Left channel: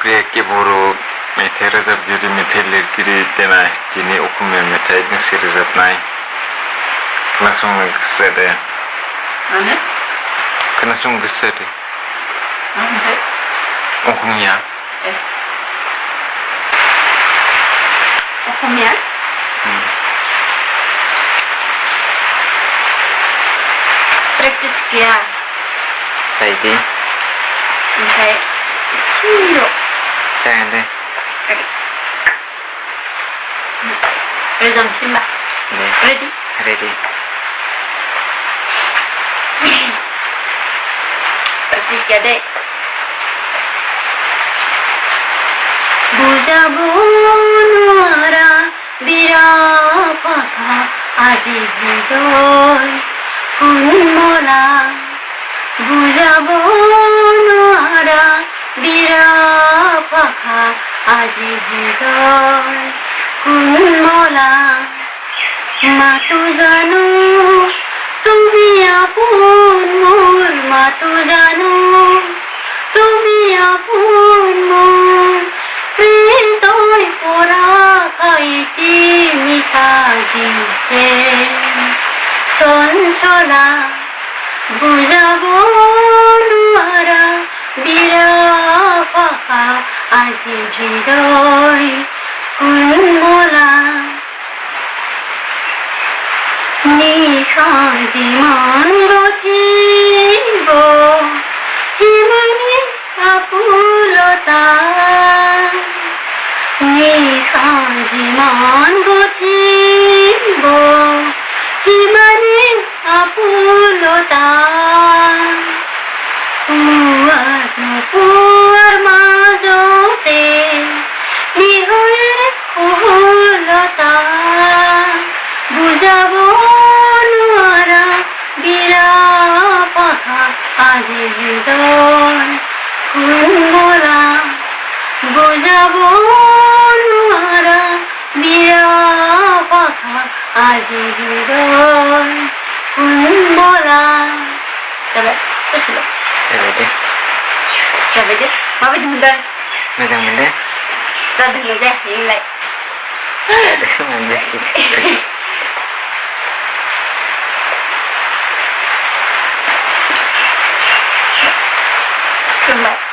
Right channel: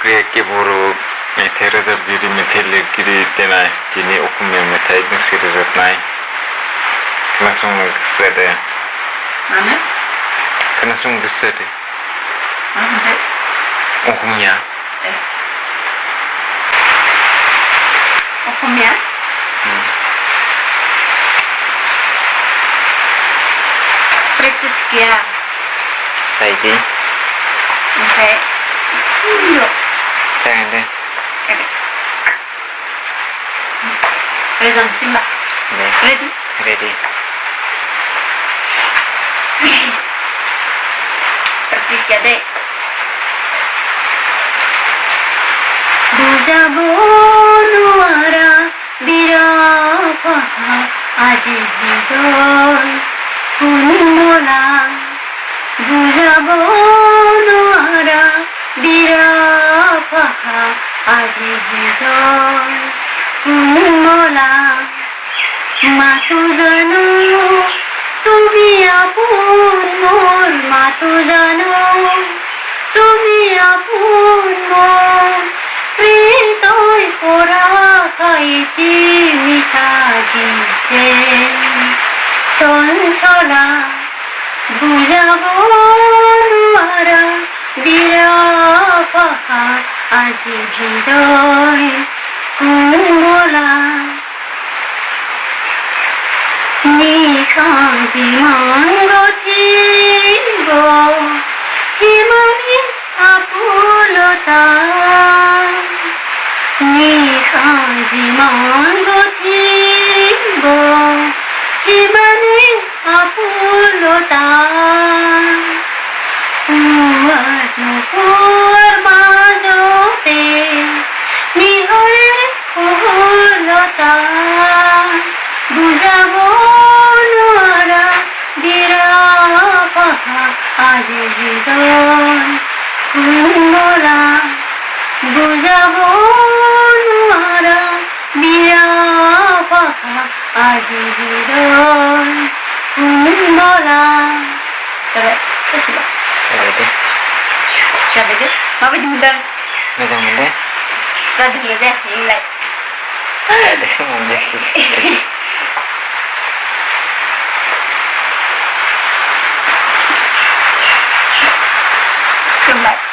के बर' मेथाइ रोजाबगिरि मेथाइ लिरगिरि देनाय दिनै असमिया मेथाइ दोंसे रोजाबनाय खोनासंनो गोसो जादों माने खोनासंनो गोसो जादों मा मेथाइ असमिया असमिया प्रेक्टिस गैया जायोदे ओमफ्राय एसेल' जागोन दे रोजाबनोसै होनबा दे रेडि रेडि प्रेक्टिस गैया दे বুজাব নোৱাৰা বিৰহ কথা আজি হৃদয় কোমলা বুজাব নোৱাৰা বিৰহ কথা আজি হৃদয় কোমলা মাতো জানো তুমি আপোন মোৰ মাতো জানো তুমি আপোন মোৰ হৃদয় পৰা খাইতি মিঠা গীতে চঞ্চলা বুজাব নোৱাৰা বিৰহ ভাষা আজি হৃদয় কোমলা নিশা যিমান গঠিব সিমানে আপুলতা নিশা যিমান গঠিব সিমানে আপুলতা পুৱাৰ নোপোৱাৰ মাজতে নিহৰে সহলতা বুজাব নোৱাৰা বিৰহ ভাষা আজি হৃদয় কোমলা বুজাব নোৱাৰা বিৰহ ভাষা আজি হৃদয় কোমলা जाबाय ससेल' जाबाय दे माबायदि मोनदों मोजां मोनदों जादोंना जायाखै नोंलाय जादों मोनजायाखै खुलुमबाय